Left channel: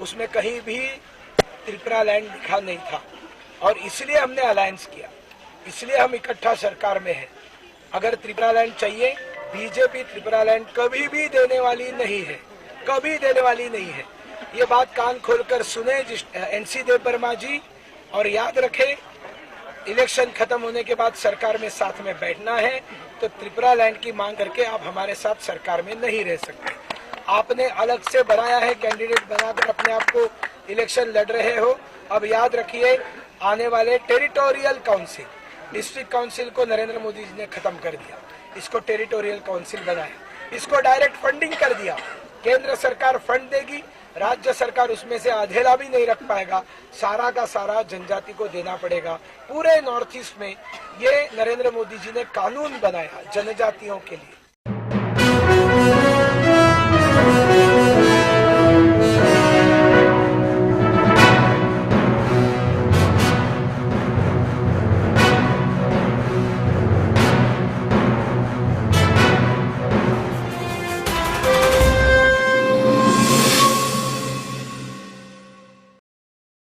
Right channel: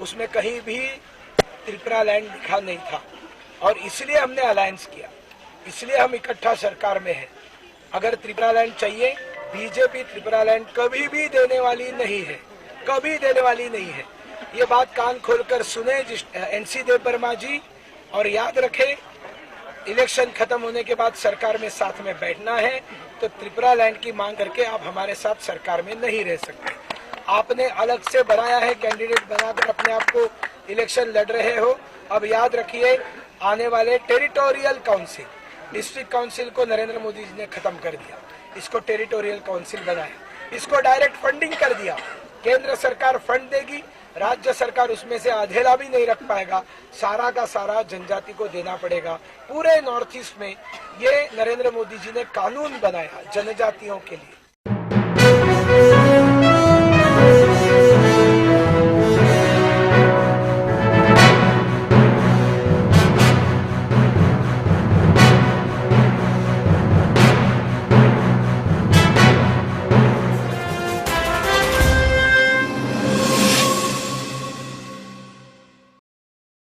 उसमें कहीं भी त्रिपुरा लैंड लिखा नहीं था और इसलिए हमने अलायंस किया, इसलिए हम इकट्ठा सरकार में हैं। अगर त्रिपुरा लैंड चाहिए, बीजेपी त्रिपुरा लैंड कभी भी देने वाली नहीं है, कभी देने वाली नहीं है। ये बात कान खोलकर सुने एनसी देव वर्मा जी, और याद रखें इलेक्शन खत्म होने के बाद सरकार में साथ में बैठना है तो त्रिपुरा लैंड की मांग करके आप हमारे साथ सरकार में नहीं रह सकते। आपने अलग से बनाया है, कैंडिडेट बनाकर अपने आप को इलेक्शन लड़ रहे हो। अब याद रखिए आने वाले टेरिटोरियल काउंसिल, डिस्ट्रिक्ट काउंसिल को नरेंद्र मोदी जी ने खत्म कर दिया, इसको टेरिटोरियल काउंसिल बनाया, इसको डायरेक्ट फंडिंग कर दिया। केंद्र सरकार फंड देगी, राज्य सरकार उसमें से आधेला भी नहीं रख पाएगा, सारा का सारा जनजाति को देना पड़ेगा। पूरे नॉर्थ ईस्ट में ये नरेंद्र मोदी जी ने कानून बनाया जनजातियों के लिए।